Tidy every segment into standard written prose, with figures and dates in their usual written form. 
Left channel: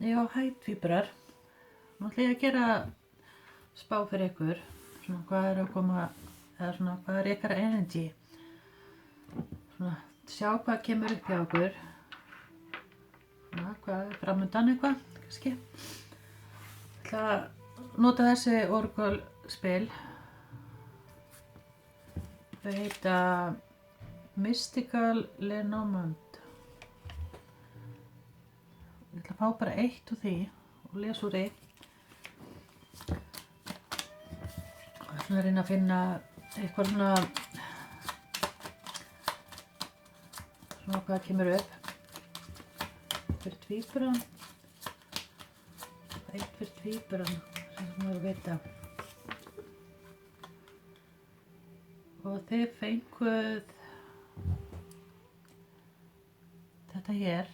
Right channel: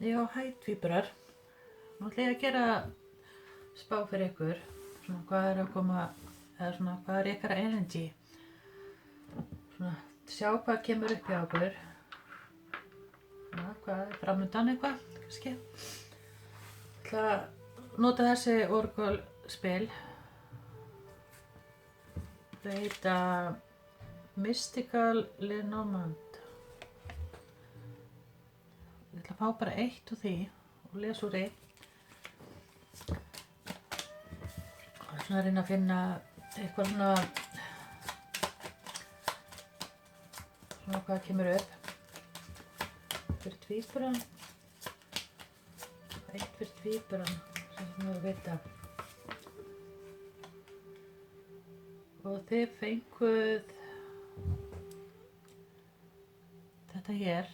Já, hæ tvíburar. Nú ætla ég að gera spá fyrir ykkur. Svona hvað er að koma, eða svona hvað er ykkar energy. Svona sjá hvað kemur upp hjá okkur. Svona hvað er framundan eitthvað, kannski. Ég ætla að nota þessi Oracle spil. Þau heita Mystical Lenormand. Ég ætla að fá bara eitt úr því og lesa úr því. Og svona að reyna að finna eitthvað svona hvað kemur upp. Fyrir tvíburan. Eitt fyrir tvíburan, sem við vita. Og þið fenguð þetta hér.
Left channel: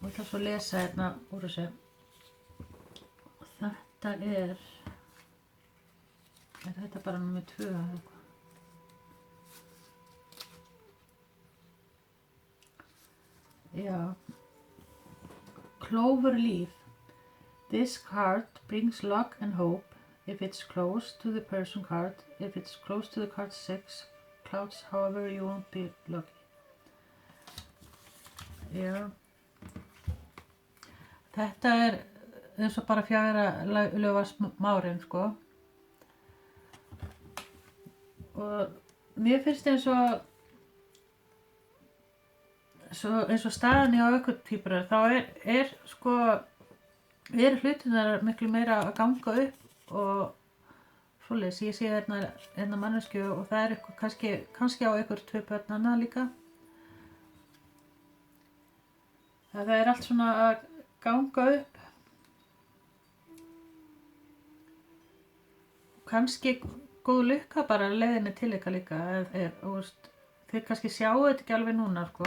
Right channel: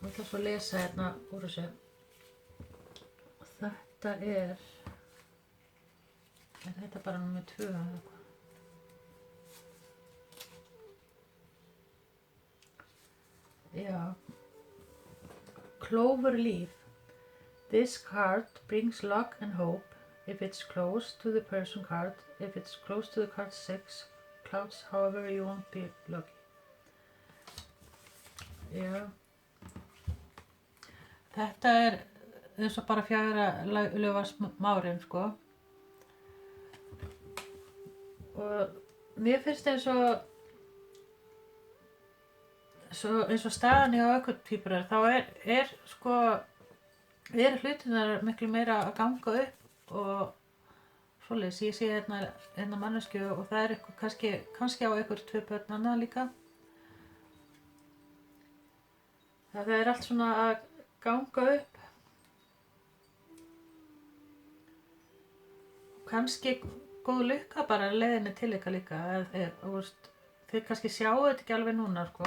Og það svo lesa hérna úr þessu. Þetta er þetta bara númer 2 eða eitthvað? Já. Clover leaf. This card brings luck and hope if it's close to the person card. If it's close to the card 6 clouds, however, you won't be lucky. Já. Þetta er eins og bara 4 lögvarsmárin, sko. Og mér finnst eins og staðan á ykkur tvíburar, þá er hlutirnar miklu meira að ganga upp og svoleiðis. Ég sé hérna manneskju og það er eitthvað kannski á ykkur 2 börnanna líka. Það er allt svona að ganga upp. Kannski góð lukka bara leiðinni til ykkar líka. Þið kannski sjáu þetta ekki alveg núna, sko.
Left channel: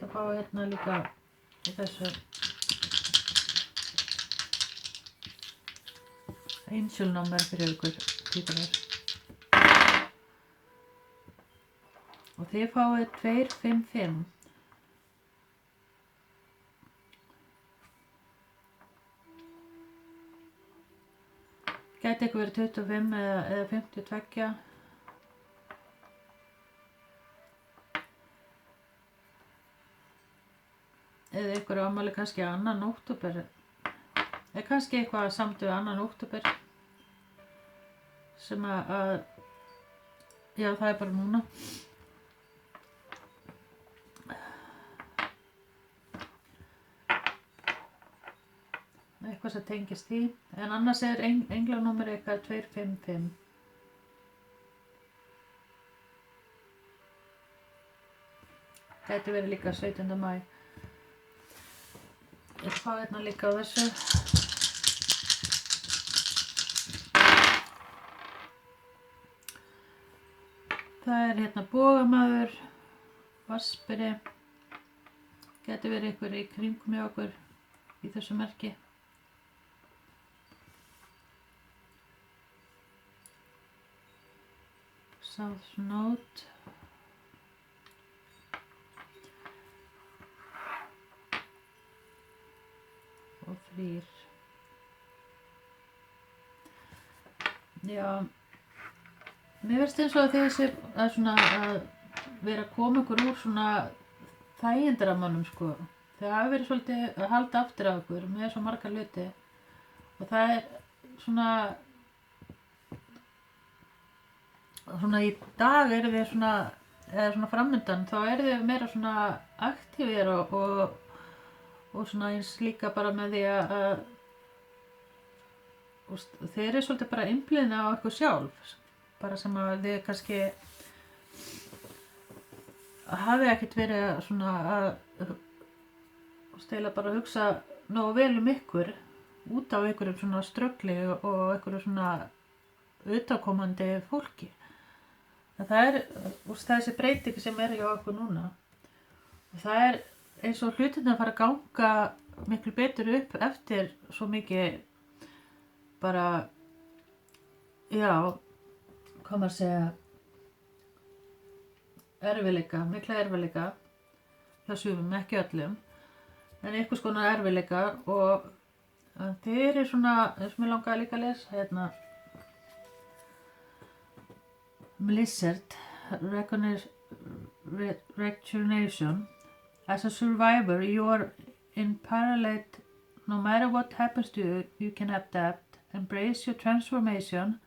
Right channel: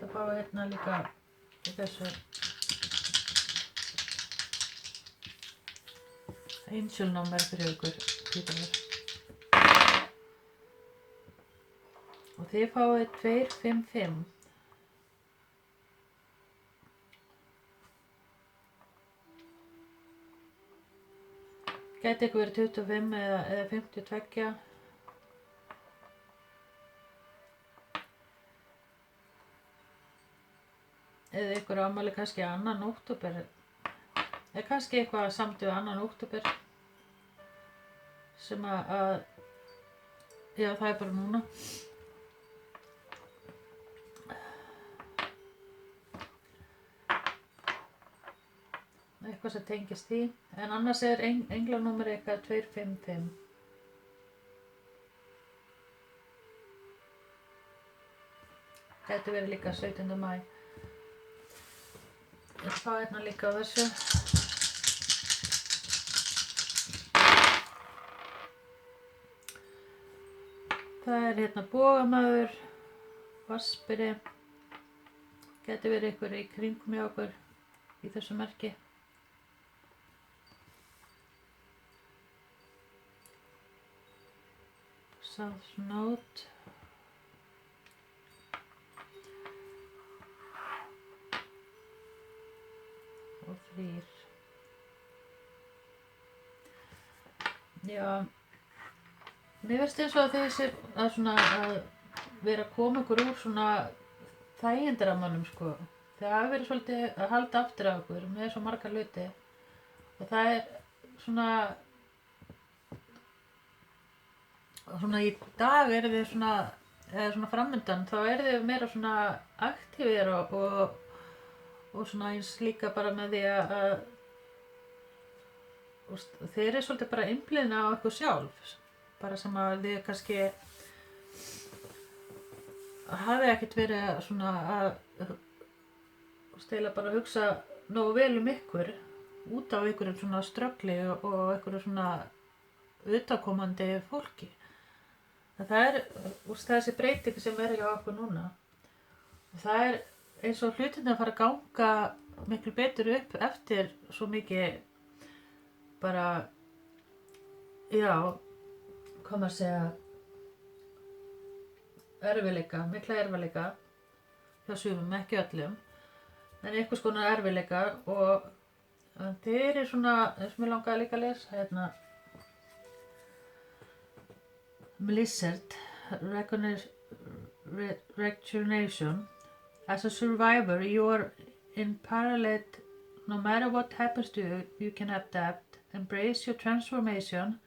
Það fá hérna líka í þessu Angel number fyrir ykkur tvíburar. Og þið fáið 255. Gæti ykkur verið 25 eða 52. Eða ykkur ámæli kannski 2. október. Eða kannski eitthvað samt við 2. október. Sem að já, það er bara núna. Eitthvað sem tengist því. En annars er englanúmer eitthvað 255. Gæti verið líka 17. maí. Ég fá hérna líka á þessu. Það er hérna bogamaður, vasperi. Gæti verið einhver í kringum hjá okkur í þessu merki. South Note. Og 3. Já. Mér finnst eins og að þessi að vera að koma ykkur úr svona þægindaramannum, sko. Það hafi verið svolítið að halda aftur af okkur með svo marga hluti. Og það er svona í dag eru þið svona framundan, þá eru þið meira svona aktífir og svona eins líka bara með því að þið eru svolítið bara einblíðin á ykkur sjálf. Bara sem að þið kannski hafi ekkert verið svona að stela bara að hugsa nógu vel ykkur út af einhverjum svona ströggli og einhverjum svona utakomandi fólki. Það þessi breyting sem hjá okkur núna. Og það eins og hlutirnir fara að ganga miklu betur upp eftir svo mikið bara, já, hvað maður segja, mikla erfiðleika hjá sumum, ekki öllum, en einhvers konar erfiðleika og þeir svona, eins og mér langaði líka að lesa hérna, Blizzard Recognition. As a survivor, you are in parallel. No matter what happens to you, you can adapt, embrace your transformation,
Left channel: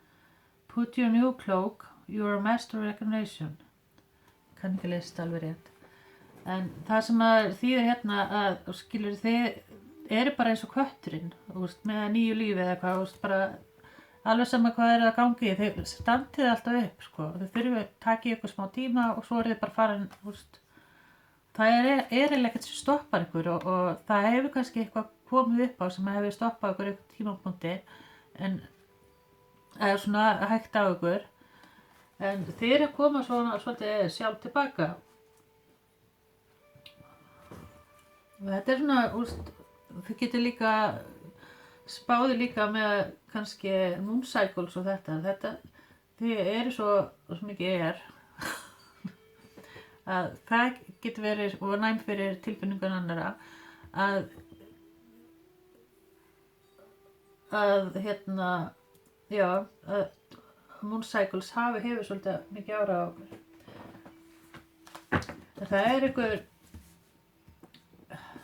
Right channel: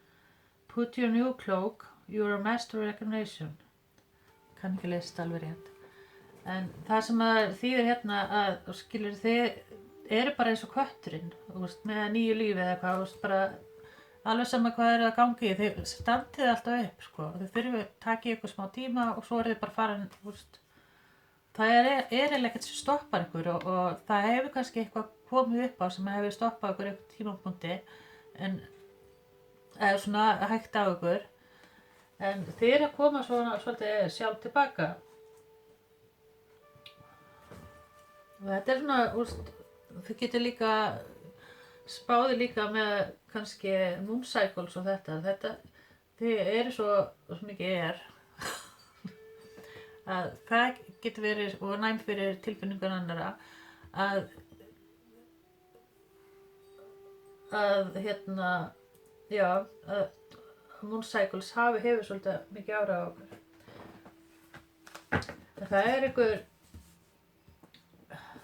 put your new cloak, you are a master recognition. Kann ekki lesa þetta alveg rétt. En það sem að þýðir hérna að, skilur, þið eru bara eins og kötturinn, með nýju lífi eða eitthvað, bara alveg sama hvað að gangi, þið standið alltaf upp, sko. Þið þurfum að taka ykkur smá tíma og svo þið bara farin, það eiginlega ekkert sem stoppar ykkur og það hefur kannski eitthvað komið upp á sem hefur stoppað ykkur upp tímapunkti en eða svona hægt á ykkur en þið eru að koma svolítið sjálf tilbaka. Þetta svona, þið getur líka spáði líka með kannski moon cycles og þetta þið eru svo mikið að það getur verið og næm fyrir tilfinningar annara að hérna, já, að moon cycles hefur svolítið mikið ára á okkur. Það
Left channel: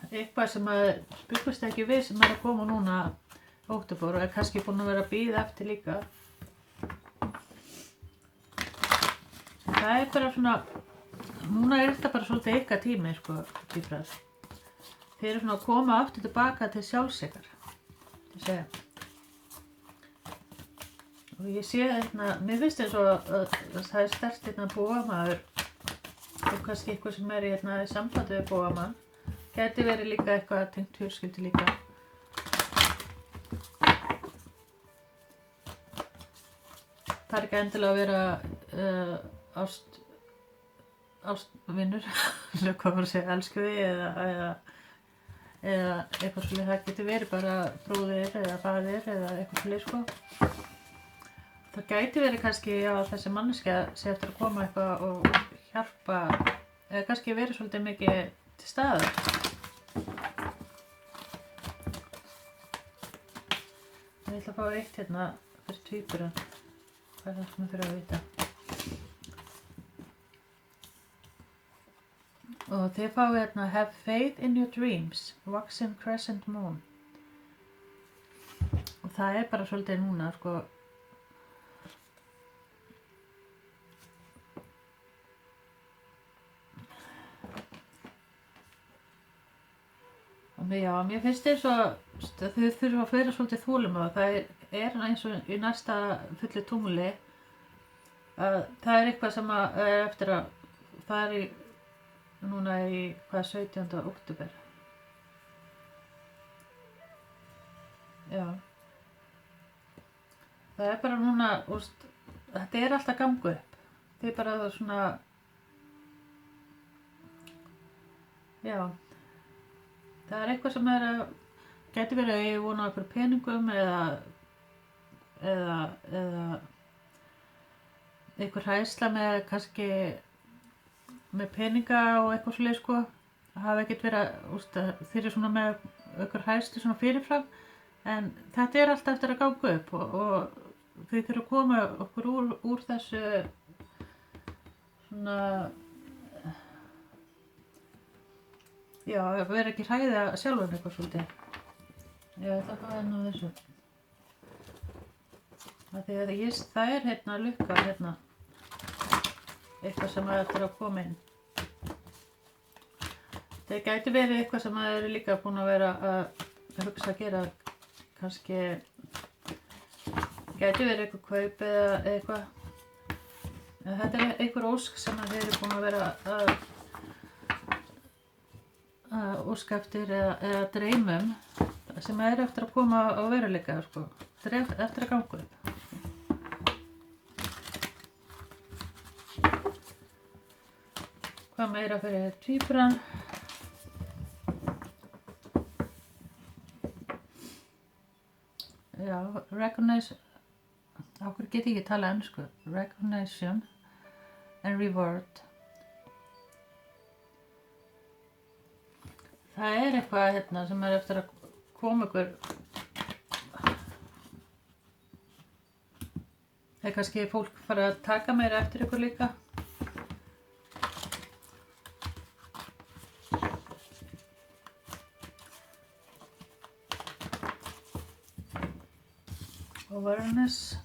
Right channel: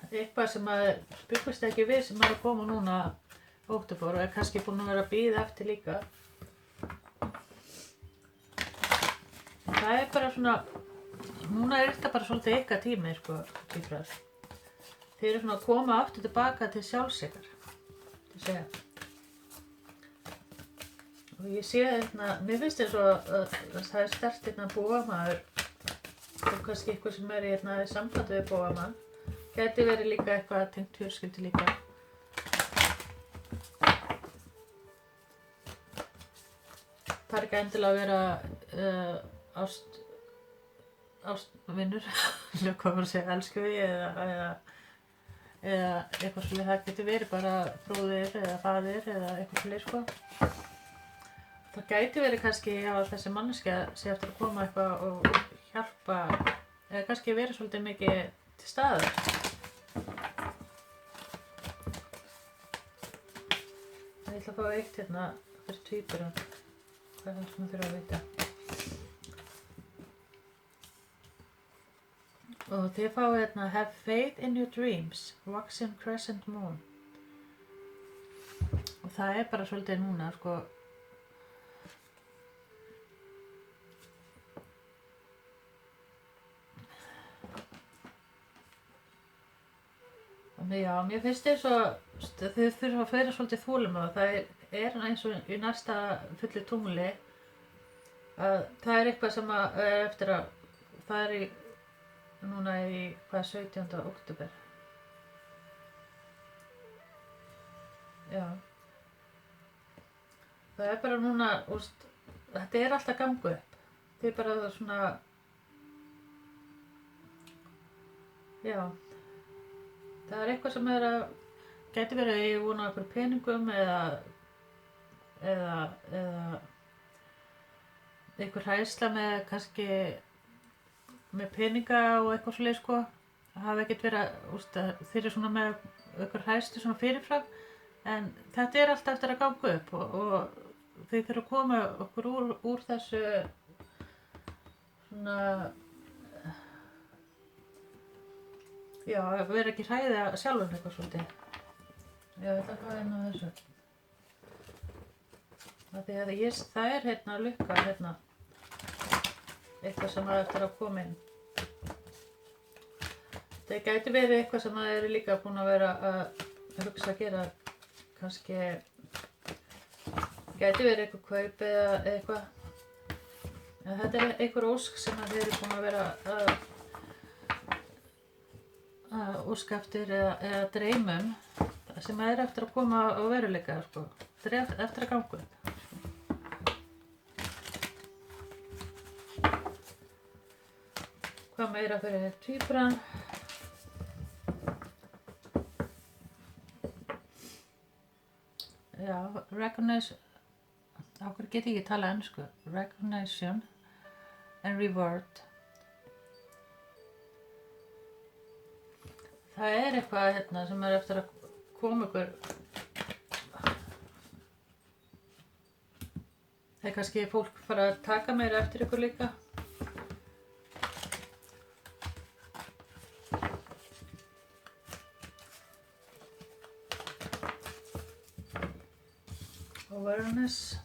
eitthvað sem að byggast ekki við sem að koma núna óttafór og kannski búin að vera að bíða eftir líka. Það bara svona, núna þetta bara svolítið ykkar tími, sko, tvíburar. Þið eru svona að koma aftur tilbaka til sjálfs ykkar, það segja. Og ég sé hérna, mér finnst eins og það sterkt hérna bóamaður og kannski eitthvað sem hérna í sambandi við bóamann. Gæti verið líka eitthvað tengt fjölskyldu líka. Það ekki endilega að vera ástvinnur, hvað var að segja, elskuði eða eitthvað svolítið, það getur verið bara bróðir eða faðir eða eitthvað svolítið, sko. Það gæti verið kannski að þessi manneskja sé eftir að koma eitthvað og hjálpa, eða kannski verið svolítið mikið til staðar. Ég ætla að fá eitt hérna fyrir tvíburan. Það sem ég þurfa að vita. Og þið fáið hérna have faith in your dreams, waxing crescent moon. Og það bara svolítið núna, sko. Og mér finnst eins og þið þurfa að vera svolítið þolinmóð. Það eins og í næsta fullu tungli að það eitthvað sem eftir að það núna í 17. október. Já. Það bara núna, þetta alltaf gangu upp. Þið bara svona, já. Það eitthvað sem gæti verið að ég vona okkur peningum eða einhver hræðsla með kannski með peninga og eitthvað svoleið, sko. Það hafi ekkert verið þeir eru svona með einhver hræðslu svona fyrirfram en þetta alltaf eftir að ganga upp og þið þurfum að koma okkur úr þessu svona já, vera ekki hræða sjálfur eitthvað svolítið. Já, það nú þessu. Það hérna lukka hérna eitthvað sem eftir að koma inn. Það gæti verið eitthvað sem eru líka búin að vera að hugsa að gera kannski gæti verið eitthvað kaup eða eitthvað. Þetta einhver ósk sem þeir eru búin að vera að óska eftir eða dreymum sem eftir að koma á veruleika, sko. Þetta eftir að ganga upp. Hvað meira fyrir tvíburan? Já, recognize, á hverju get ég ekki tala ensku? Recognition and reward. Það eitthvað hérna sem eftir að koma ykkur. Það kannski fólk fara að taka meira eftir ykkur líka. Awareness.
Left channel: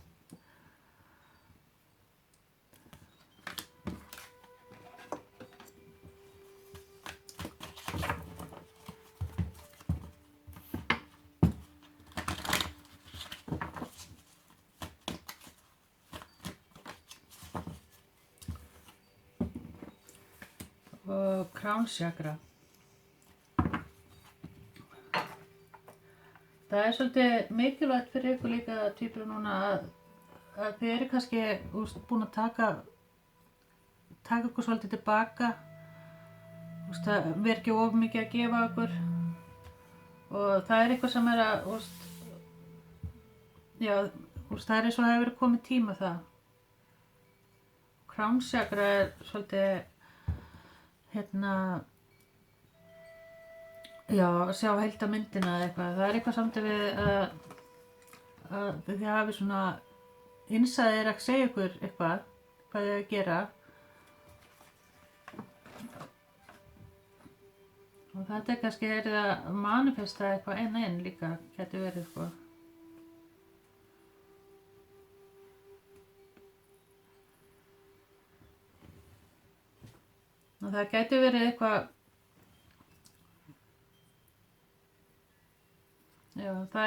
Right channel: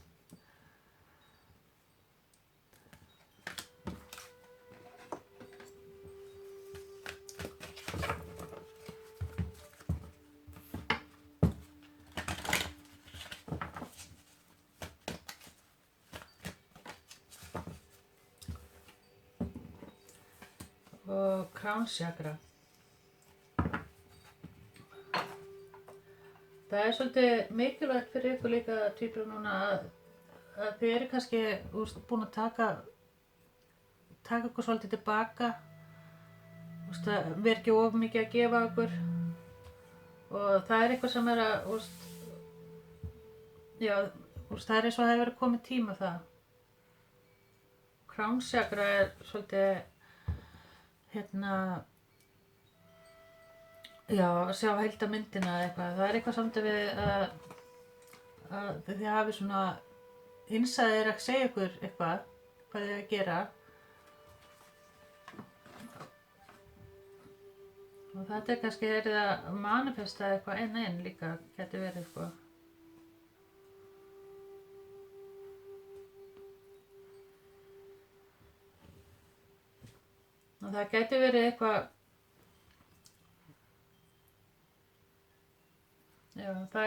Og crown chakra. Það svolítið mikilvægt fyrir ykkur líka tvíburar núna að þið eru kannski búin að taka ykkur svolítið tilbaka. Það verður ekki of mikið að gefa ykkur. Og það eitthvað sem að, já, það eins og hefur komið tíma það. Crown chakra svolítið, hérna, já, að sjá heildarmyndina eða eitthvað. Það eitthvað samt við að þið hafi svona innsæðir að segja ykkur eitthvað, hvað þið að gera. Og þetta kannski að manifesta eitthvað einn líka, getur verið eitthvað. Og það getur verið eitthvað. Já, það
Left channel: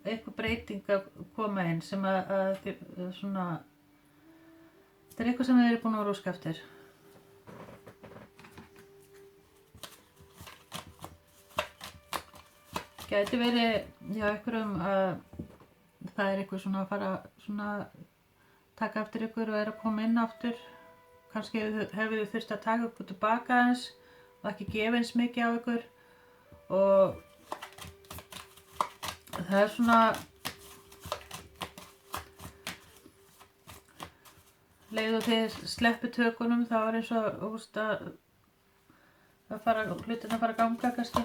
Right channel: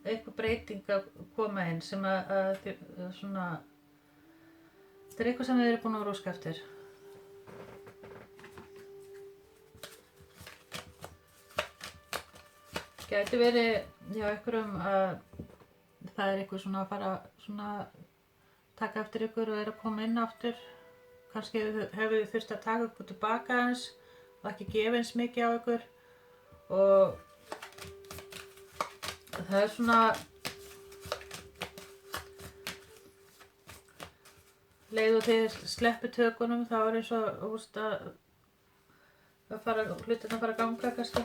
eitthvað breyting að koma inn sem að svona, þetta eitthvað sem þið eru búin að róska eftir. Gæti verið, já, einhverjum að það eitthvað svona að fara svona taka eftir ykkur og að koma inn aftur. Kannski hefur þið þurft að taka ykkur tilbaka eins og ekki gefa eins mikið á ykkur og það svona leið og þið sleppi tökunum þá eins og að hlutin að fara að ganga kannski.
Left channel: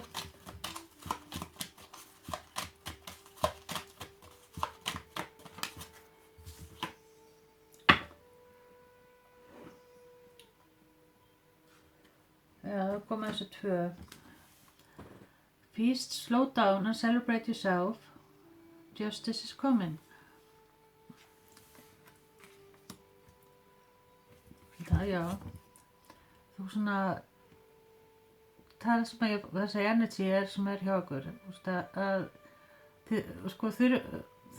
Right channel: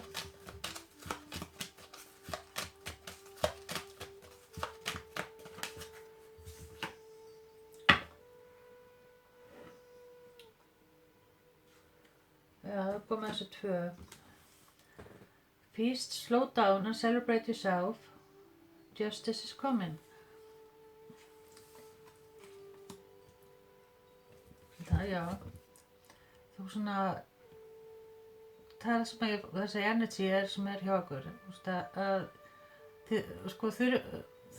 Já, það komið þessu tvö. Peace, slow down and celebrate yourself. Justice is coming. Það, já. Þú svona, það sem þessi energy sem hjá okkur. Að þið,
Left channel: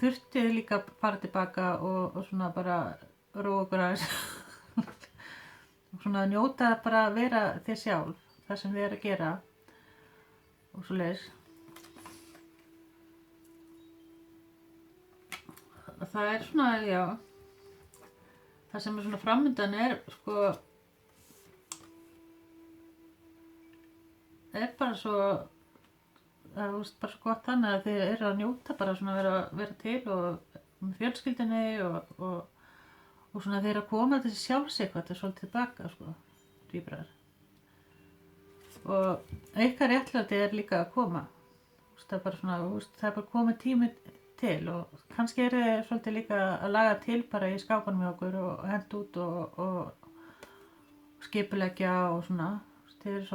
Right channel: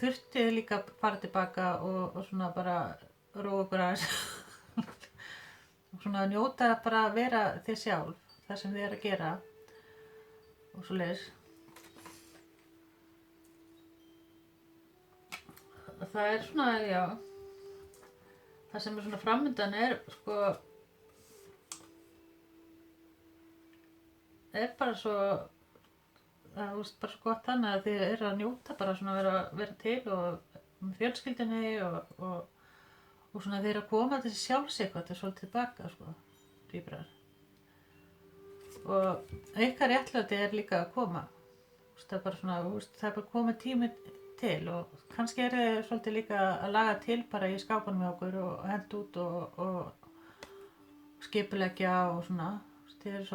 þurftið líka að fara tilbaka og svona bara róa okkur aðeins. Og svona njóta bara að vera þið sjálf, það sem þið að gera. Og svo leiðis. Og það svona, já, það sem svona framöndan bara svo, bara svo gott þannig að þið eru að njóta bara svona að vera til og með fjölskyldunni og svona þið eru að koma til sjálfs eitthvað til svolítið tilbaka, tvíburar. Og ykkar réttlæti líka að koma. Það bara svona, það bara komið tími til og kannski þið svolítið líka að laga til bara í skápanum hjá okkur og henda út og skipuleggja og svona. Þið eru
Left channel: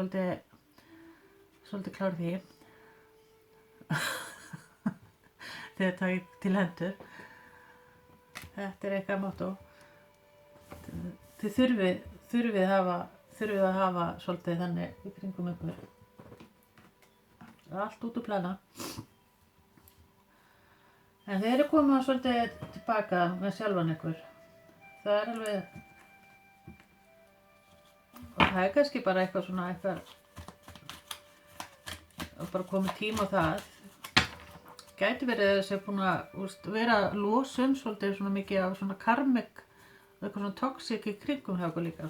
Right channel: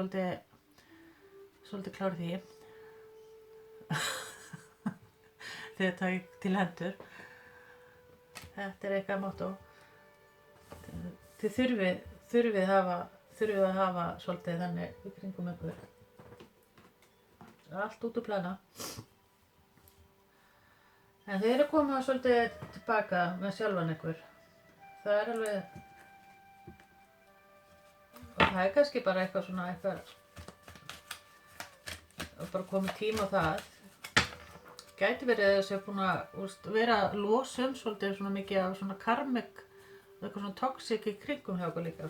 svolítið klárið því. Þið takið til hendur. Þetta eitthvað motto. Þið þurfið að hafa svolítið þannig í kringum ykkur. Allt út úr plana. En þið eru komið svolítið tilbaka með sjálfan ykkur. Það alveg, og það kannski bara eitthvað svona og bara komið tíma á það. Gæti verið þess að búin að vera losum svolítið svona mikið á svona karmik, eitthvað svona toxic í kringum hjá okkur líka.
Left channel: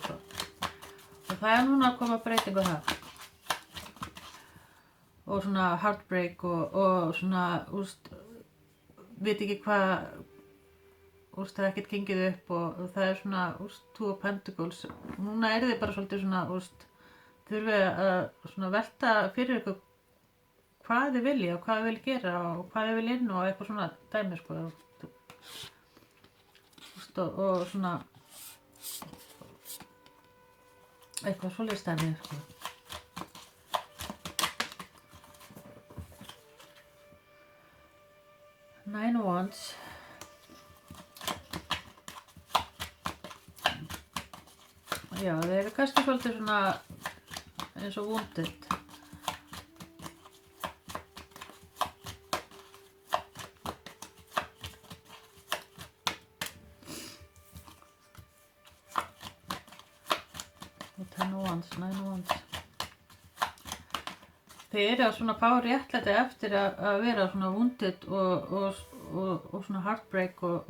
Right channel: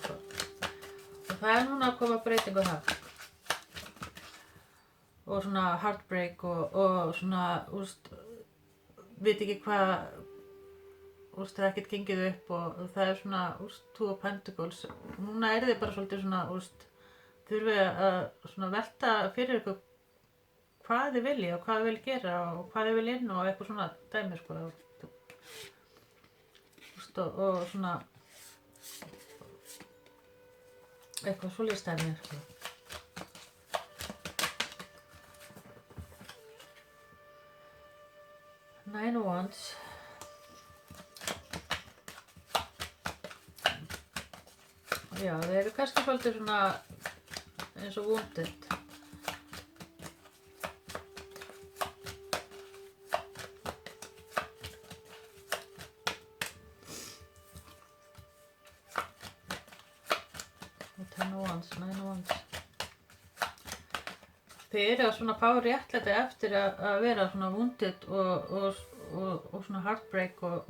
það núna að koma breytingu það. Og svona heartbreak og svona, veit ekki hvað, það ekkert gengið upp og það svona, Two of Pentacles. Núna þið bara svolítið svona, þurfið að svona velta fyrir ykkur hvað þið vilji og hvað þið vilji gera og hvað þið vilji inn og eitthvað svona dæmi, sko. Og svona, eitthvað svoleiðis dæmi, sko. Nine of Wands. Já, þeir eru kannski svolítið svona eins og wounded. Ten of Wands, Nine of Wands. Þeir eru að svona fá réttlæti eftir að vera svona wounded og svona heartbreak og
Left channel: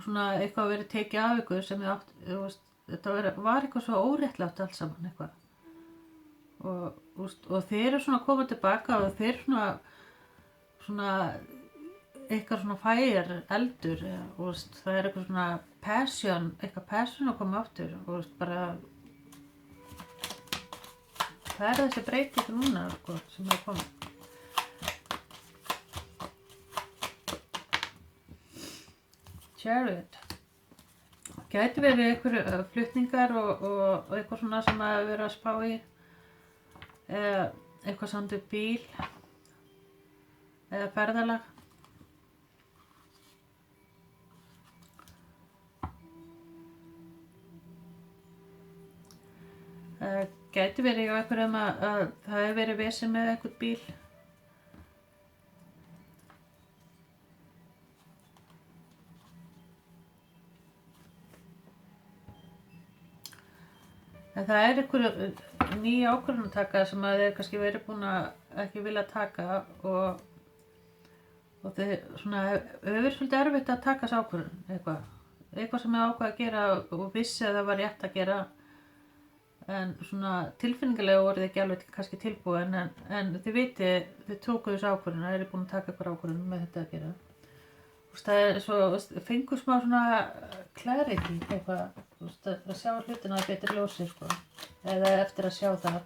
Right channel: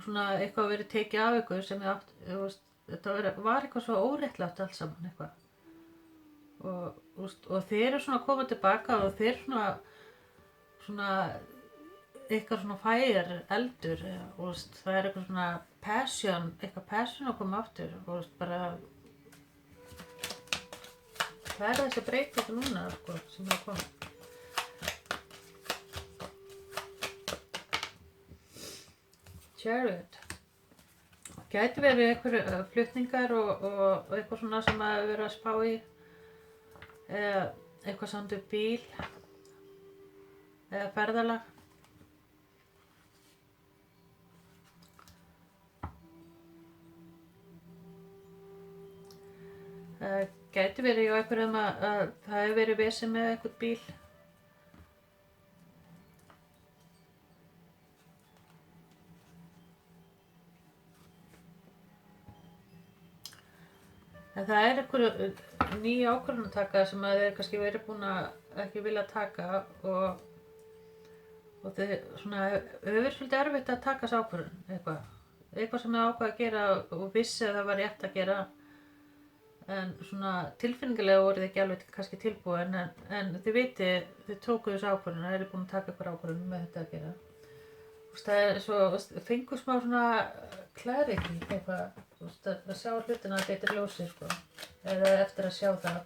svona eitthvað verið tekið af ykkur sem þið átt, þetta var eitthvað svo óréttlátt allt saman eitthvað. Og þeir eru svona að koma tilbaka og þeir svona eitthvað svona fire eldur, það er eitthvað svona eitthvað passion að koma aftur og bara það er þessi breyting núna, sko, sem er komið. Chariot. Gæti verið einhverju flutningar og eitthvað svona sem að vera að spá í. Eitthvað samt upp bíl. Eða ferðalag. Gæti verið hjá einhverjum að það hefur verið vesen með einhvern bíl. En það er einhverju ný ákvörðun að taka sem að þeir kannski verið búin að ekki vilja taka og þeir svona hefur svolítið erfitt að taka þessu ákvörðun eitthvað sem er ákvað að gera og vissi að það var rétt að gera. En svona tilfinningarlega voru þið ekki alveg kannski tilbúin en þið viti, þið tókuð þessu ákvörðun, það eru búin að taka ykkur ákvörðun með þetta að gera. Það er svo, fengur smá svona clarity eitthvað, að sjá hlutina að betur ljósi, sko, eða eftir að sjá það.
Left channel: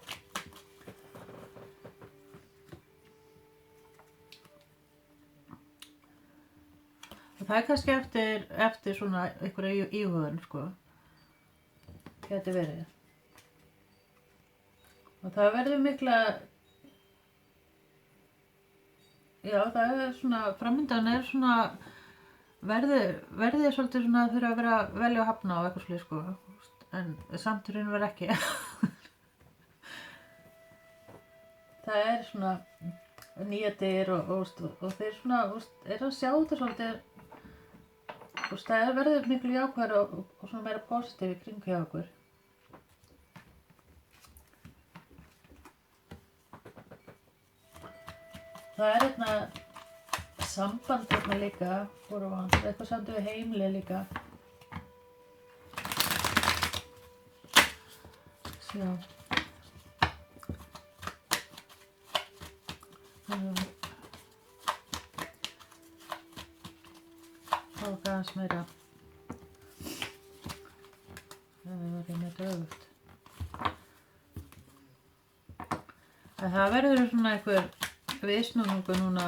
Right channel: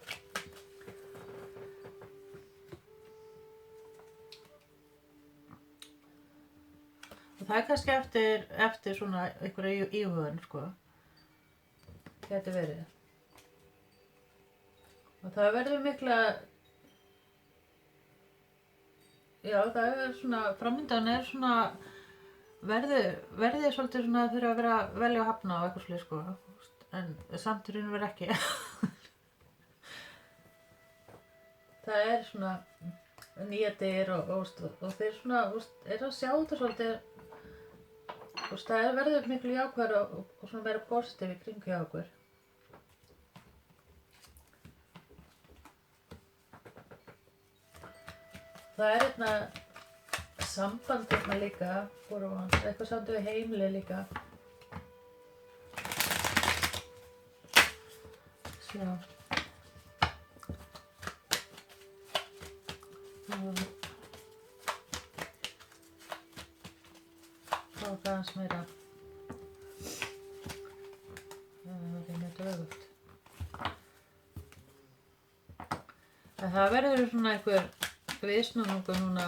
Og það er kannski eftir svona einhverja íhugun, sko, geti verið. Og það verður mikla, já það er svona, framöndan er svona, verður svolítið svona þurfa að vera velja að hafna á eitthvað slið, sko, en samt í raun og veru ekki. Það er svona nýja dyr og þeir svona, er að sjá þetta svolítið, það verður miklu jákvæðara og svona meira positív í kring hjá okkur. Það er samband líka, eitthvað samt við heimili líka. Sjá. Það var aðeins meira. Það var meira dögugt. En það verður svona einhver viðsnúningu núna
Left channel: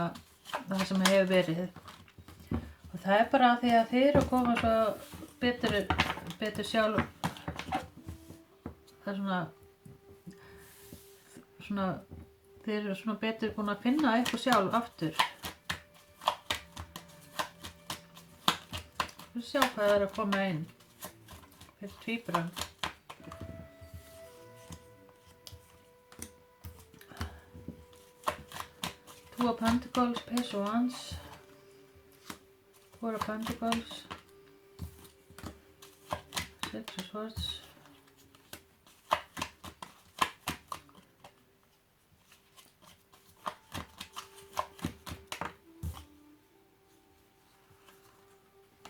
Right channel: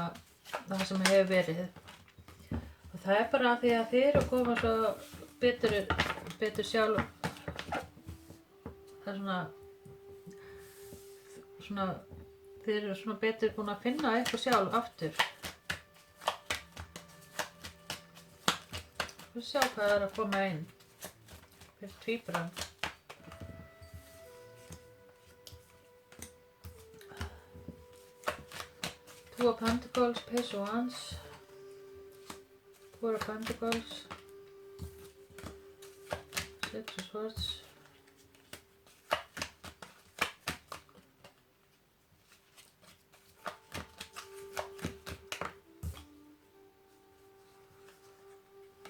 það sem hefur verið og það er bara því að þið eru að koma svo betur sjálf það er svona þið eru svona betur búin að finna eitthvað sjálf aftur við sjá hvað það er að koma inn fyrir tvíburan. Two of Pentacles, Page of Wands, Four of Pentacles, Six of Swords,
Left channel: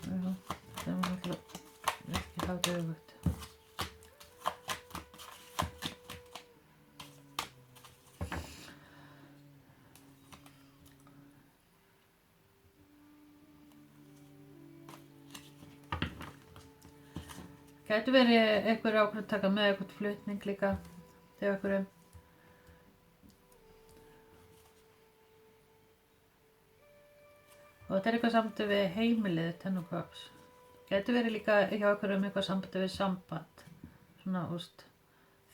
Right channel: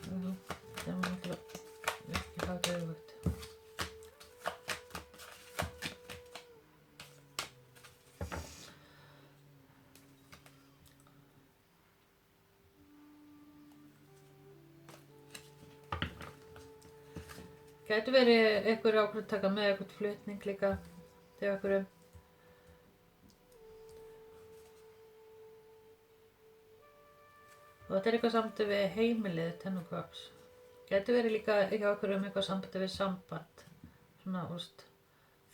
það var ekki láta auðvögt. Gæti verið einhver ákveð að taka með eitthvað flutning líka til einhverju. Og þetta er eitthvað sambandi við heimilið tennukvaps. Gæti verið líka hjá einhverjum eitthvað sambandi við samband. Svona,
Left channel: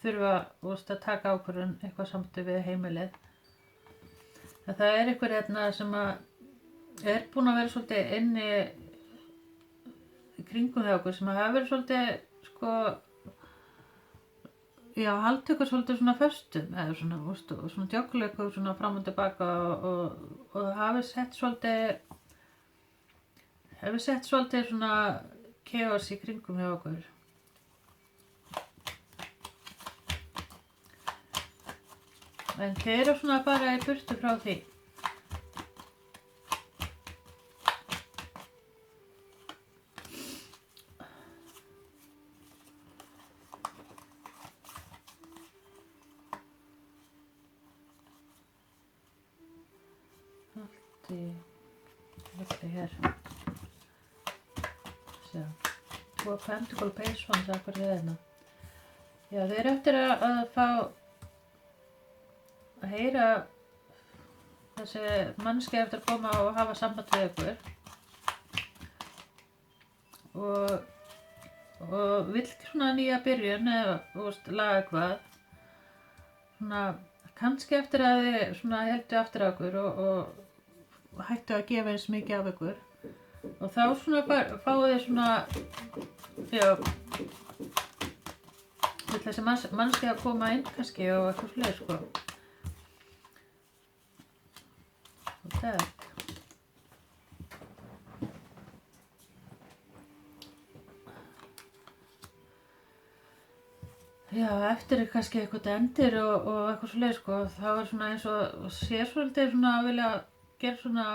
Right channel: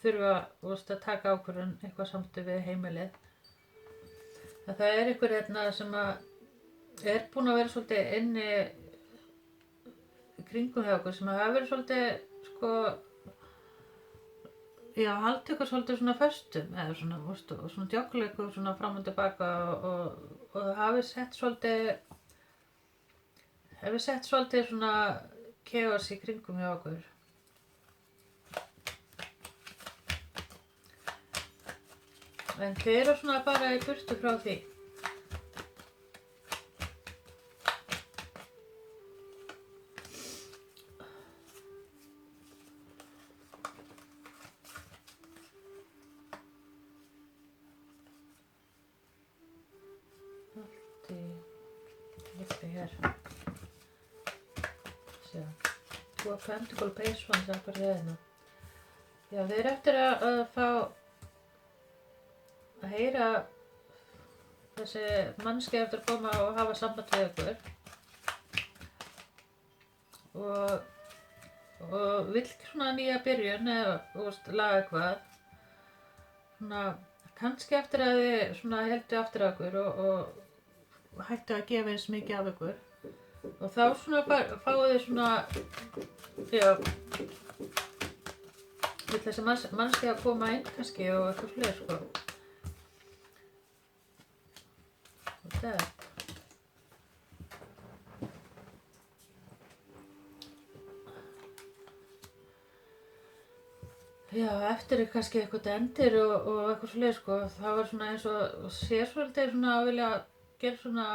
þurfa, að taka ákvörðun eitthvað sambandi við heimilið. En það er einhver hérna sem að er búin að vera svolítið inni í kringum hjá okkur sem að hafa verið svolítið, haldið ykkur svolítið svona föstum eða svona, og svona djöggleikur svona fram og tilbaka og það hafi sett svolítið svona chaos í kringum hjá okkur. En þið eru svona að fara í burtu frá því. Allt hér. Sjá. Tvo Pentacle Base Ones akkur hérna. Já, þið eru eftir að fá að heyra þessi mannski eftir að koma og hafa samband við ykkur og vill svona nýja byrjun eða laga eitthvað svona kannski eftir að þið svona heldu aftur á ykkur og hættu að gefa eins mikið af ykkur og þá svona fáið þið svona vill þessi mannski að koma inn kannski og eitthvað fleiri Já, eftir kannski eitthvað endir og eitthvað svoleiðis það var svona eins og sér svolítið svona að vilja gera svona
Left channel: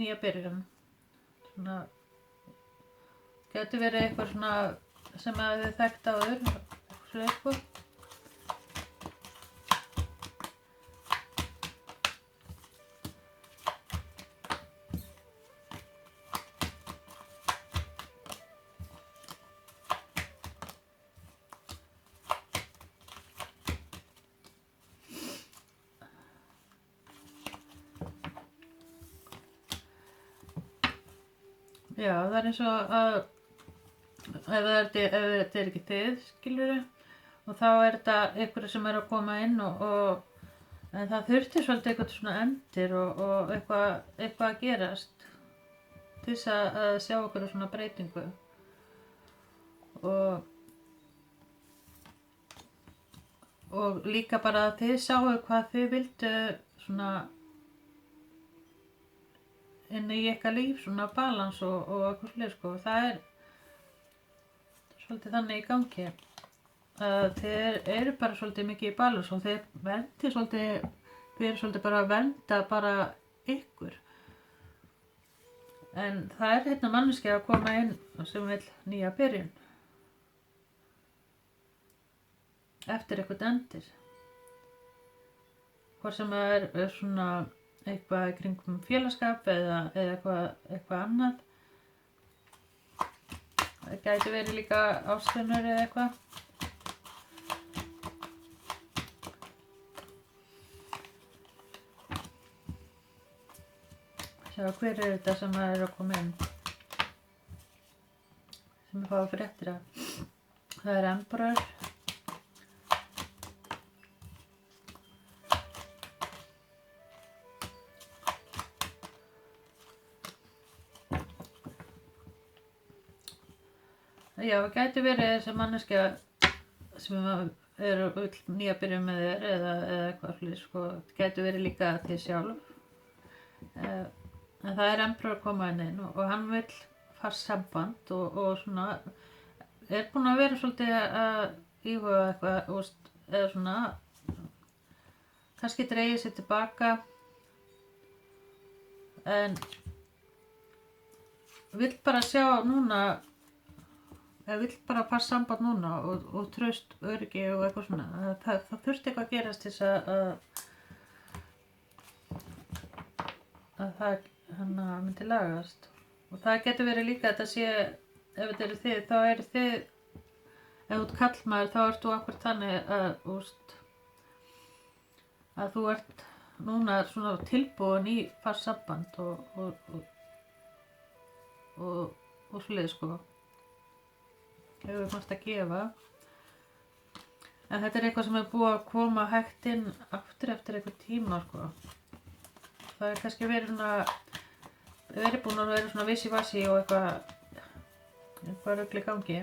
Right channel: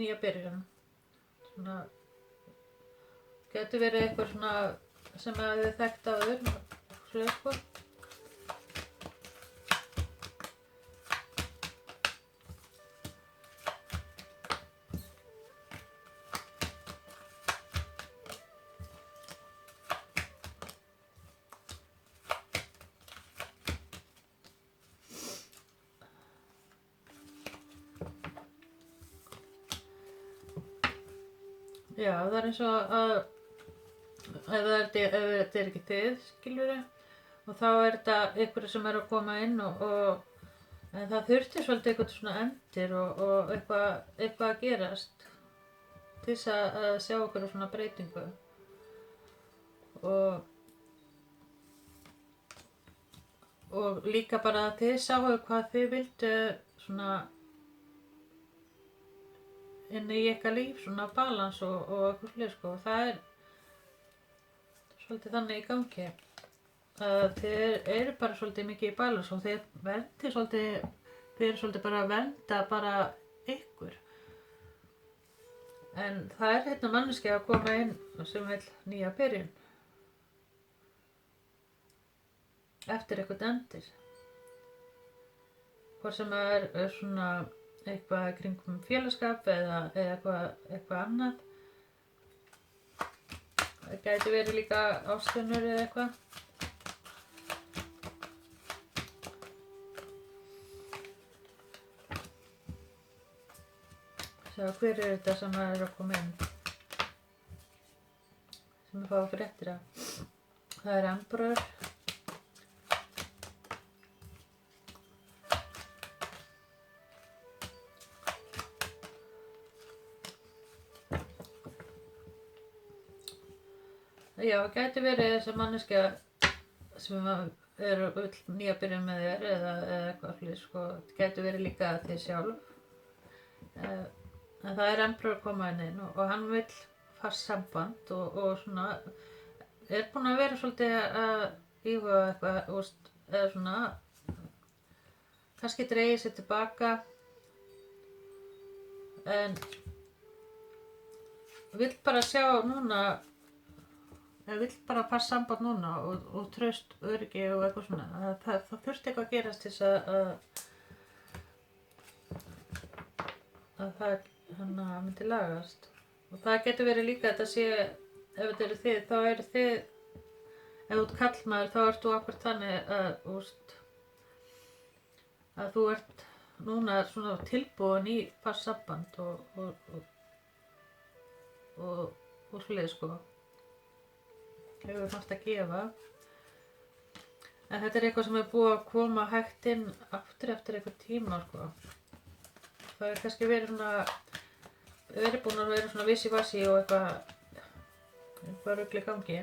nýja byrjun svona gæti verið eitthvað svona sem að þið þekkt áður eitthvað svoleiðis Já, það er eins og að ef þetta er ekki þið, skilurðu, og þá er þetta einhverju sem er að koma inn en það þurfti svolítið eitthvað svona endir og eitthvað að gerast til þess að sjá okkur svona breytingu og líka bara að þið sáu hvað þið vildu svona inn í ykkar líf, svona balans og eitthvað svolítið það er svolítið þannig í gangi að þið eru bara svolítið mikið í balans og þið verðið svolítið bara að vernda bara ykkur en það er hérna manneskja að koma inn sem vill nýja byrjun eftir eitthvað endir hvort sem það er svona eitthvað í kringum félagskap eða eitthvað annað. Það gæti verið líka ástunur eða eitthvað. Sjá, hver er þetta sem er að koma inn? Sem ég fá fréttir af. Það er Emperor. Já, það gæti verið þessi manneskja sem er nýja byrjun með þér eða eitthvað slíkt það gæti verið líka þið sjálf en það er Emperor að koma inn og hann vill fast samband og svona er búinn að vera svolítið að íhuga eitthvað eða svona kannski dregið sér tilbaka en vill bara sjá núna ég vil bara fast samband núna og traust, öryggi og eitthvað svona það þurfti eitthvað að gerast til þess að það myndi lagast og það getur verið líka að þetta sé ef þetta eru þið þá eru þið ef þú ert karlmaður þá ert þú akkur þannig að þú ert núna svona tilbúin í fast samband og svoleiðis sko. Hefur margt að gefa. En þetta er eitthvað sem er búið að koma hægt inn aftur eftir einhver tíma sko. Það er kannski verið búin að vera svona vissi-vassi og eitthvað rugl í gangi.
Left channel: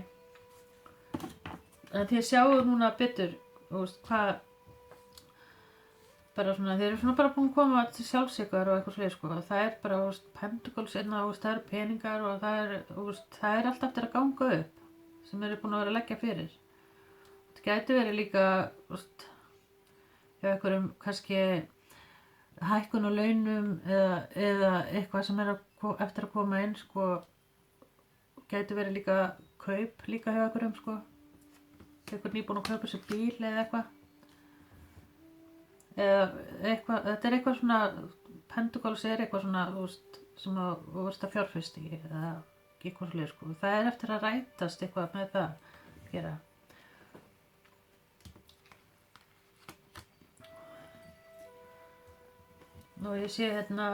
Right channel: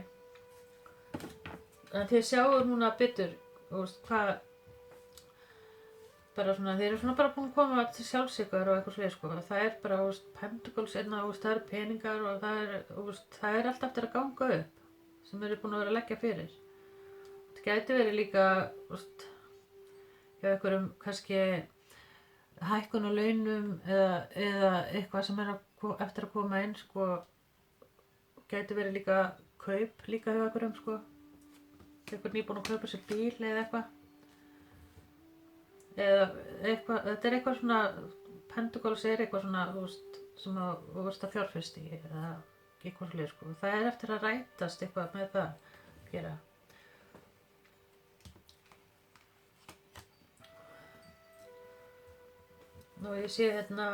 En þið sjáu núna betur, hvað, bara svona, þeir eru svona bara búin að koma til sjálfsíkvar og eitthvað svoleiðis sko. Það er bara, pendugals innan, það eru peningar og það er allt eftir að ganga upp sem eru búin að vera að leggja fyrir. Þetta gæti verið líka, hjá einhverjum kannski hækkun á launum eða eitthvað sem er eftir að koma inn sko. Gæti verið líka kaup líka hjá einhverjum sko. Einhver nýbúin að kaupa sér bíl eða eitthvað. Þetta er eitthvað svona, pendugals er eitthvað svona, sem þú varst að fjárfesta í eða eitthvað svoleiðis sko. Það er eftir að rætast eitthvað með það að gera. Nú ég sé hérna,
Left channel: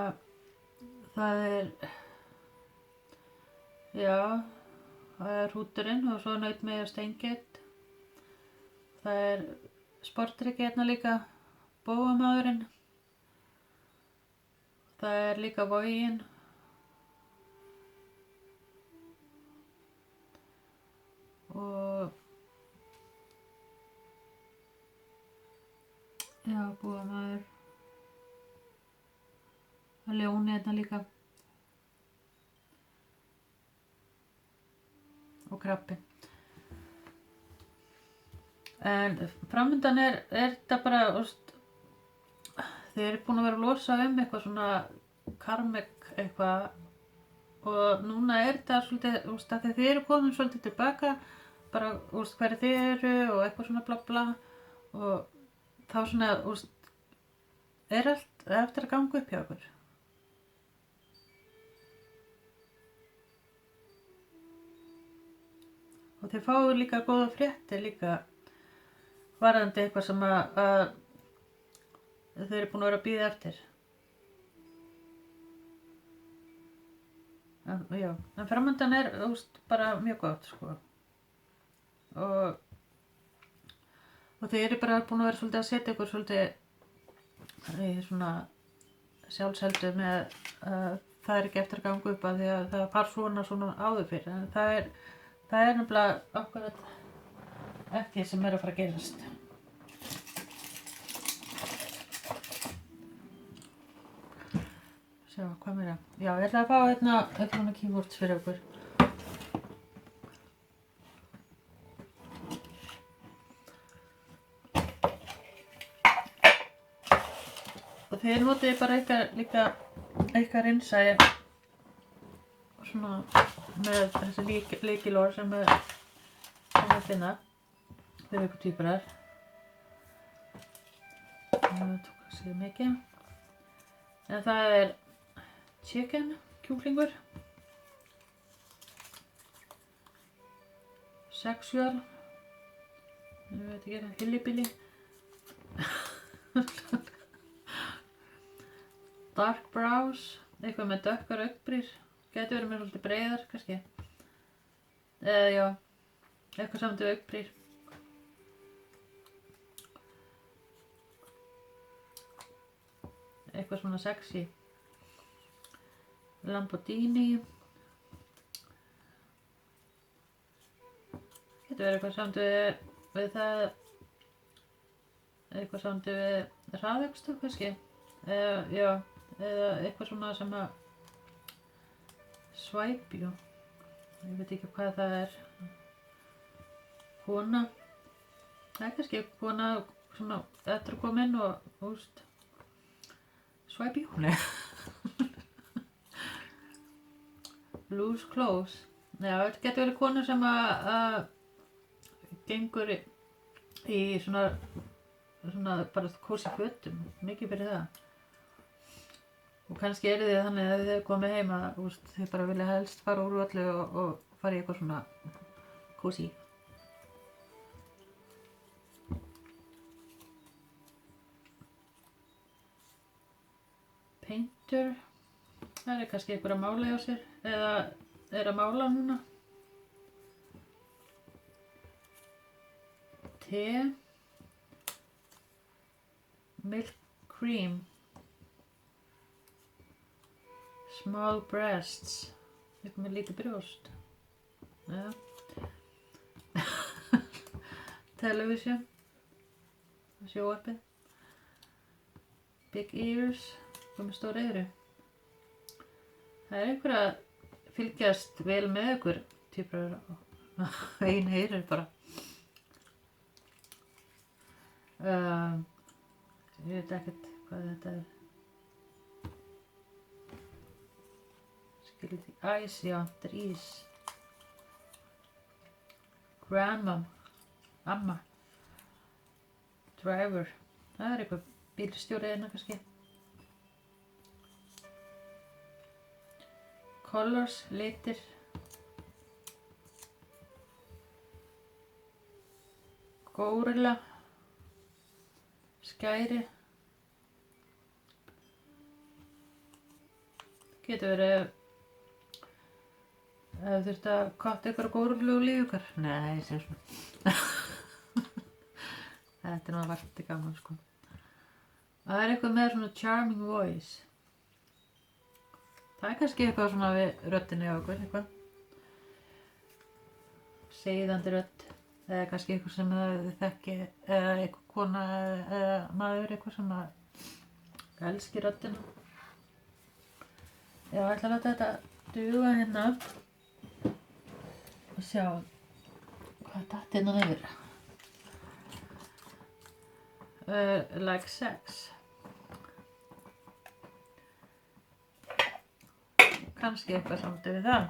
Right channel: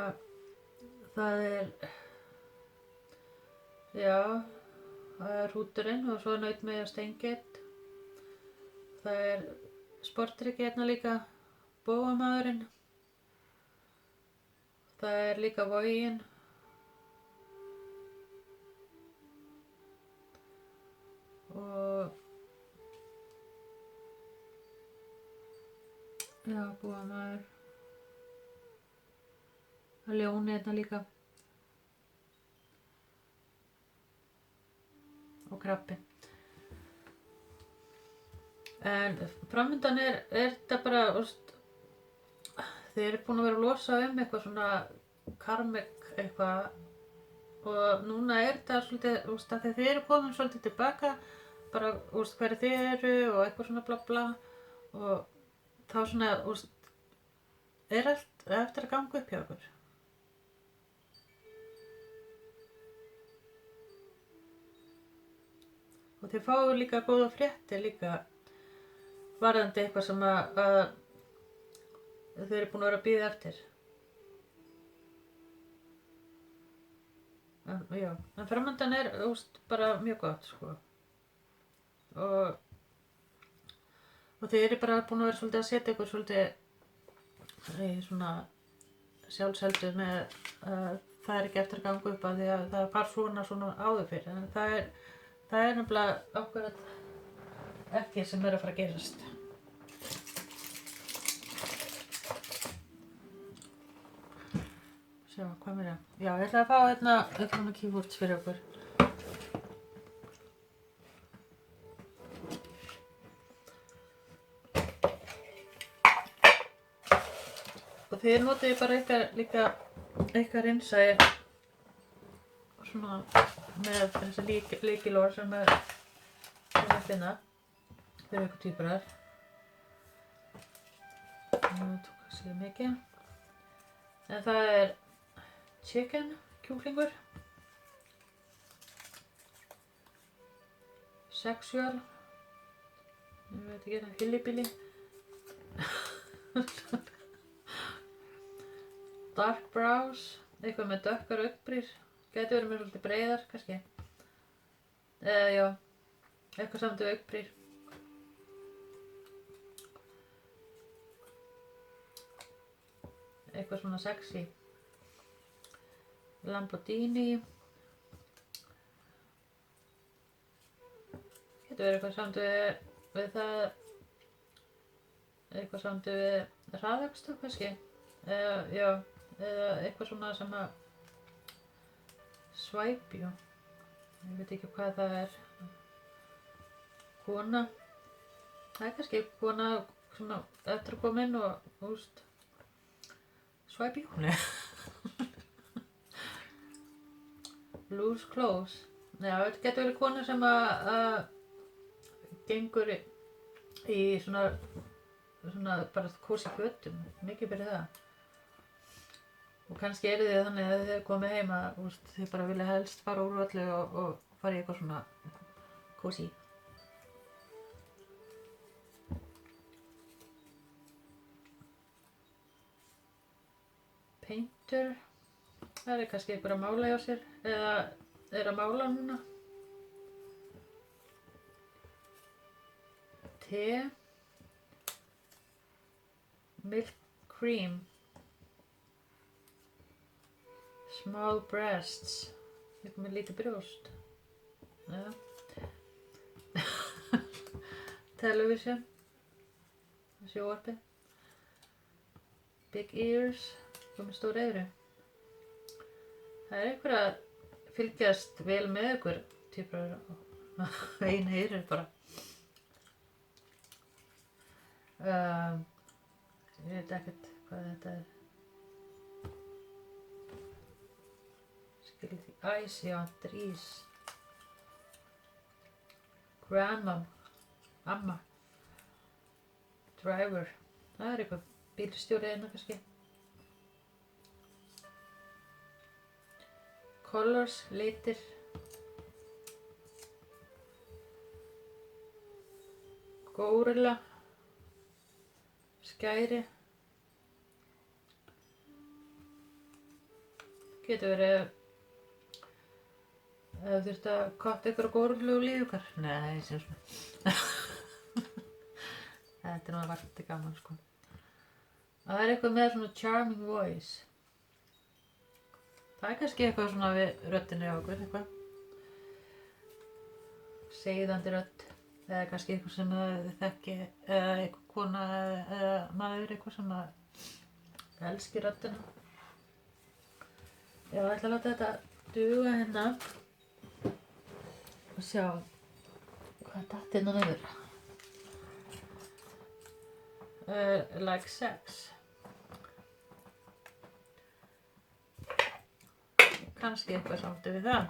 það er hrúturinn og svo nautmey og steingeit. Það er sportryggi hérna líka, bófamaðurinn. Það er líka vogin. Og bófamaður. Það er ljóni hérna líka. Og krabbinn. En framundan er þetta bara, þeir eru búin að vera að losa eitthvað svona karmik eitthvað og núna er þetta svolítið, að þeir eru komin svolítið tilbaka, bara, hverju þið eru og eitthvað svona bla bla og þá svona, er allt eftir að ganga upp hjá okkur. Og þið fáið líka góða fréttir líka varðandi eitthvað sem að þeir eru búin að vera að bíða eftir. En framundan er bara mjög gott sko. Og þeir eru bara búin að vera svolítið að setja ykkur svolítið í svona sjálfsheldu með það er ekki eftir að ganga upp að því að það var svona áður fyrir. En það er nefnilega akkurat ekki sem er að fara að gerast. Sjá, hvað meira? Já, ég ætla að fá hérna eitthvað með keyboards fyrir okkur. Og þið notið bara eitthvað reynsæði svona með þessi lykilorð sem er að finna fyrir ykkur tvíburar. Það tók að segja mikið. En það er chicken, kjúklingur, sexual, ég veit ekki það, hillbilly, dark brows, eitthvað með dökkar augnbrýr. Gæti verið með svolítið breiðar, kannski. Eitthvað samt við augnbrýr. Eitthvað svona sexy. Lamborghini. Gæti verið eitthvað samt við það. Eitthvað samt við hraðakstur, kannski. Eða eitthvað svona sem að svæpju, ég veit ekki hvað það er. Kona, það er kannski kona svona eftir að koma inn og svæpju. Loose clothes, já þetta getur verið kona sem að gengur í svona bara kósí fötum, mikið fyrir það. Og kannski eru þið þannig að þið komið heim að þið bara vilja helst fara úr öllu og fara í eitthvað svona kósí. Hunter, það kannski einhver að mála hjá sér eða er að mála núna. Te, milk cream, small breasts, eitthvað með lítið brjóst. Ja. Television, sjónvarpið. Big ears, með stór eyru. Það er einhver að fylgjast vel með ykkur týpur einu eyru bara. Ég veit ekkert hvað þetta er. Skilur því æs, já, þetta er ís. Grandma, amma. Driver, það er eitthvað bílstjóri hérna kannski. Colors, litir. Górilla. Skæri. Getur verið að þú þurft að katta ykkur á górillu og lífukar. Nei, sem svona. Þetta er nú að varti gaman sko. Það er eitthvað með svona charming voice. Það er kannski eitthvað svona við röddinni á okkur, eitthvað. Seiðandi rödd. Það er kannski eitthvað sem þið þekki, eða eitthvað kona eða maður, eitthvað sem að elski röddina. Ég ætla að láta þetta duga hérna og sjá hvað datt hérna yfir. Like sex. Kannski eitthvað samt við það.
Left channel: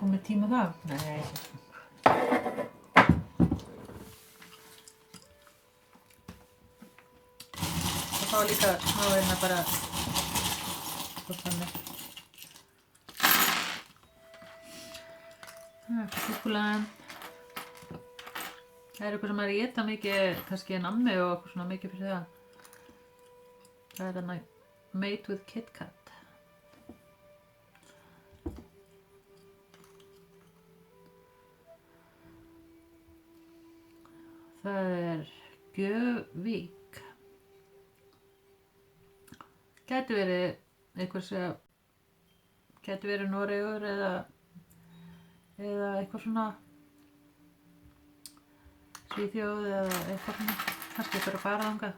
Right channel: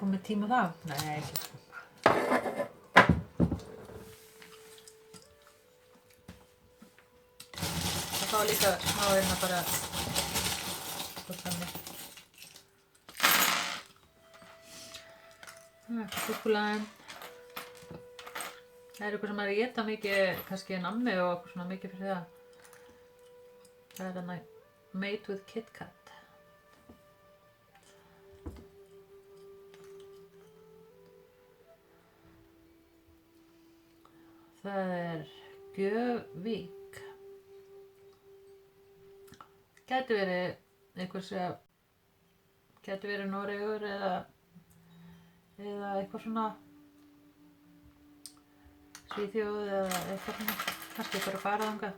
Komið tíma þá? Nei. Það fá líka smá hérna bara svo þannig. Súkkulaði. Það er eitthvað sem er að éta mikið, kannski nammi og eitthvað svona mikið fyrir það. Það er hérna Made with Kit Kat. Það er Gjövík. Gæti verið einhver sem gæti verið Noregur eða eitthvað svona Svíþjóð eða eitthvað svona. Kannski bara að fara þangað.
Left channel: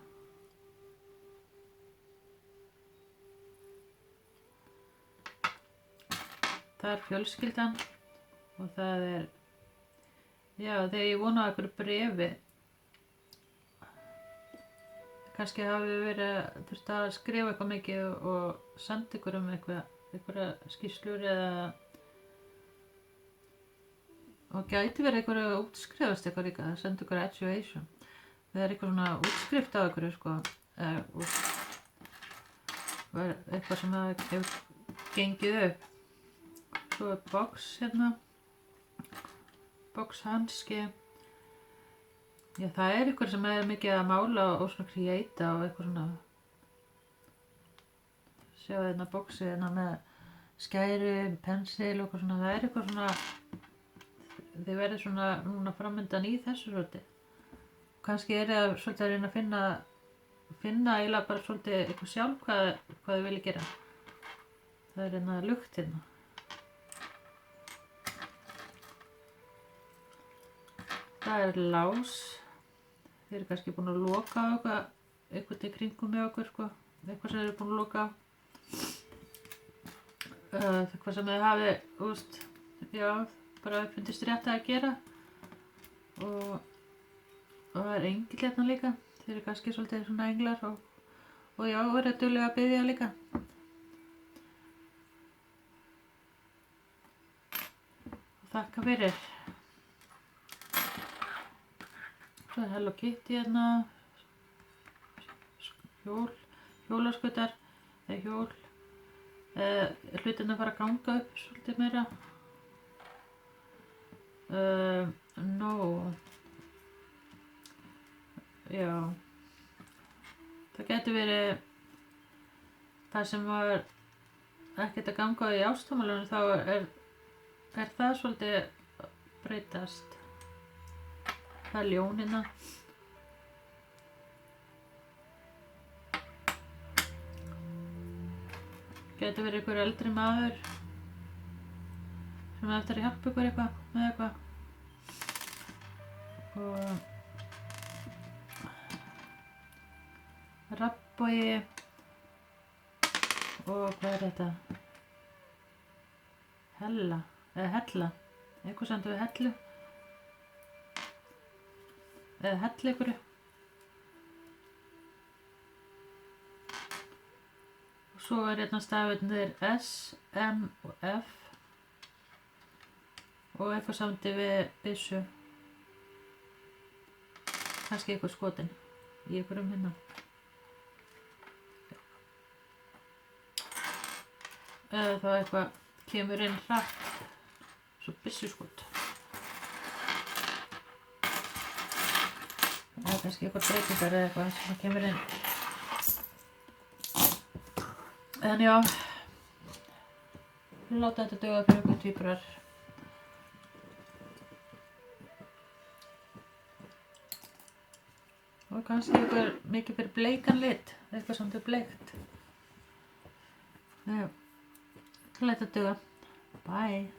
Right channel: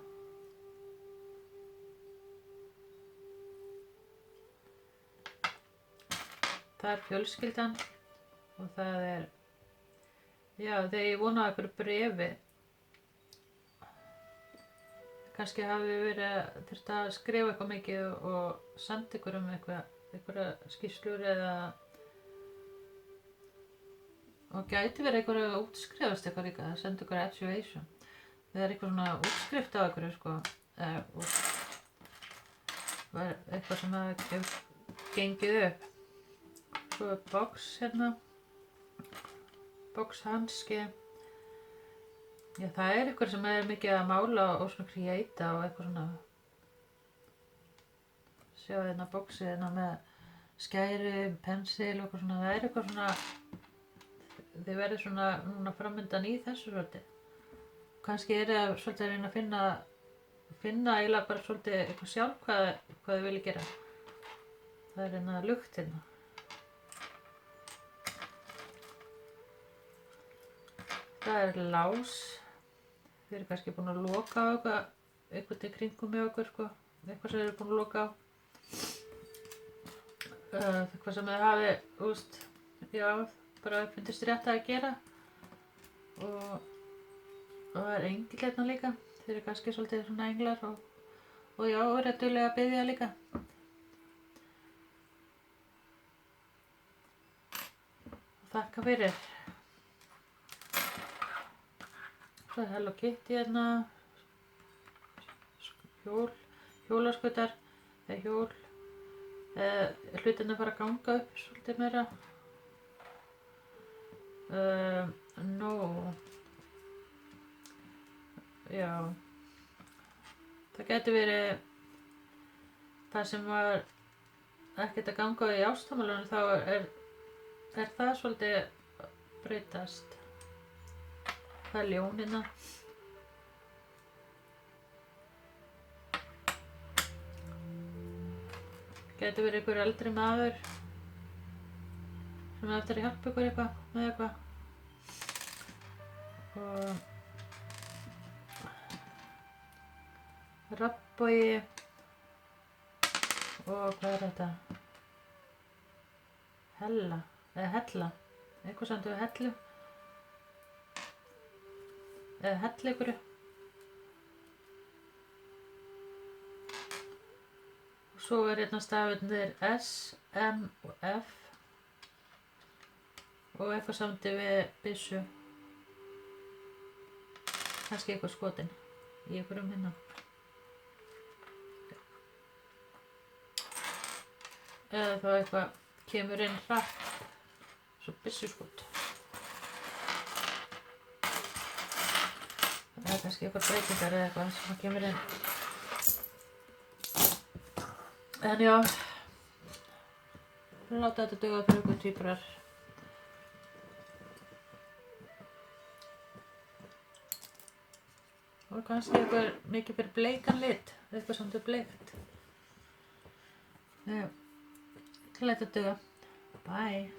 Það er fjölskyldan og það er, já, þegar ég vona á einhverju bréfi. Kannski hafi verið þurft að skrifa eitthvað mikið og senda ykkur einhverja skýrslur eða og gæti verið einhverju að útskrifast eitthvað líka, að senda ykkur education. Það er eitthvað svona útskrift á einhverju sko, eitthvað sem hefur gengið upp. Svo er box hérna, box hanski. Já, það er eitthvað sem er mikið að mála og svona creata og eitthvað svona. Sjá hérna boxið hérna með skæri, pensil og eitthvað svona. Það er eitthvað svona, þið verður svona núna framöndan í þessu svolítið. Kannski er það svolítið að reyna að finna eiginlega bara svolítið eitthvað sjálf hvað þið viljið gera. Það er hérna lukt hérna. Það er lás. Þið eru kannski búin að loka á eitthvað til kringum með okkur sko. Eitthvað sem þið eru búin að loka á. Eitthvað sem þið hafi, já, bara finnst rétt að gera. Og það er engill hérna líka. Þið eru kannski svolítið svona englar og já, og eru duglega að biðja líka. Og þakka fyrir. Svo er Hello Kitty hérna, hjólaskutar, eða hjól, hlutin að fara að ganga upp svolítið meira. Já, það gæti verið það sem var ekkert að ganga í ástamálunum þá er það svolítið breytast. Það er ljónina. Gæti verið einhver eldri maður sem eftir að hjálpa ykkur eitthvað með eitthvað. Og rabbbogi og hvað er þetta? Hella, eða hella, eitthvað samt við hellu. Eða hellu ykkur. Og svo er hérna stafirnir S, M og F. Og eitthvað samt við byssu. Kannski eitthvað skotin í einhverjum hérna. Eða þá eitthvað kemur inn hratt, svo byssuskot. Það er kannski eitthvað breytingar eða eitthvað sem kemur inn. En já, við láta þetta duga fyrir ykkur tvíburar. Og kannski eitthvað mikið fyrir bleikan lit, eitthvað sem er bleikt. Já. Let it do it. Bye.